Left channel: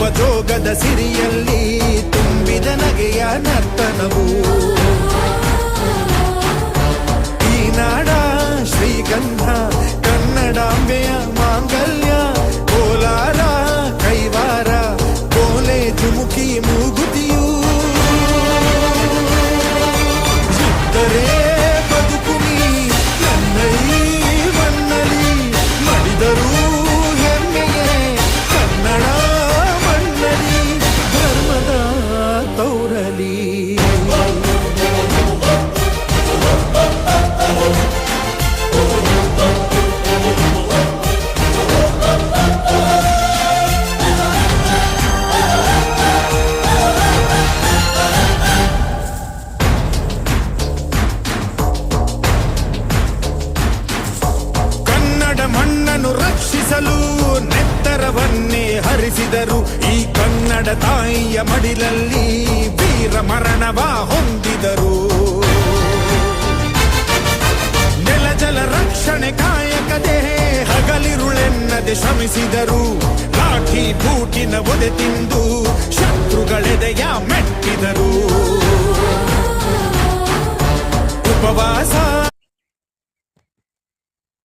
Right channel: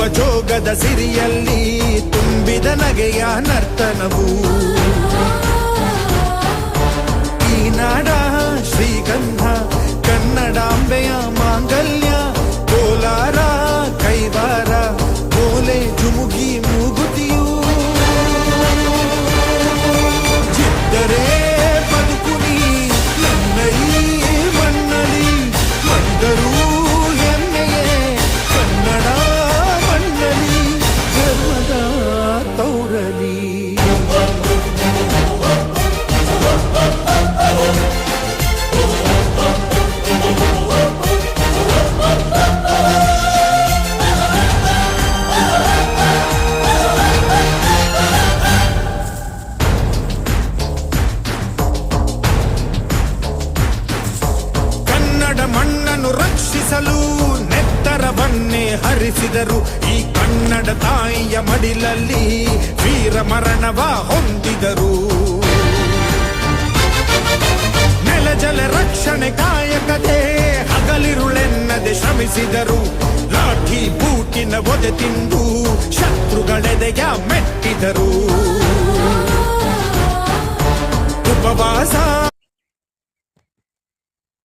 ನಗುವ ಜೋಗದ ಸಿರಿಯಲ್ಲಿ ತುಂಬಿದ ನಗೆಯ ನರ್ತನವು ಈ ನಾಡ ಶ್ರೀಗಂಧ ಕನ್ನಡಾಂಬೆಯ ಮಾಂಗಲ್ಯ ಕೋಲಾರ ಕೈವಾರ ಕೋಲೆ ಜುಮುಕಿ ಮೂಗುತಿಯು ಚಿತ್ತರೇ ಬದುಕುನಿ ನನ್ನೈ ಬನ್ನಲಿ ಮಡಿದರು ಹೆಮ್ಮೆಯೇ ಕನ್ನಡ ಮಣ್ಣಲಿ ಧರ್ಮದ ತೌರಲಿ ಮಣ್ಣನ್ನು ರಕ್ಷಿಸಲು ನೆತ್ತರವನ್ನೇ ಹರಿಸಿದರು ಈ ಕನ್ನಡ ತಾಯಿಯ ಮಡಿಲಲ್ಲಿ ವೀರ ಮರಣವ ಹೊಂದಿದರು ನೆಲಜಲ ರಕ್ಷಣೆ ಕಾಯಕತೆ ಹಗಲಿರುಳೆನ್ನದೆ ಶ್ರಮಿಸಿದರು ಲಾಠಿ ಬೂಟಿನ ಒದೆ ತಿಂದು ಶತ್ರುಗಳೆದೆಯ ಮೆಟ್ಟಿದರು ಉಪವಾಸ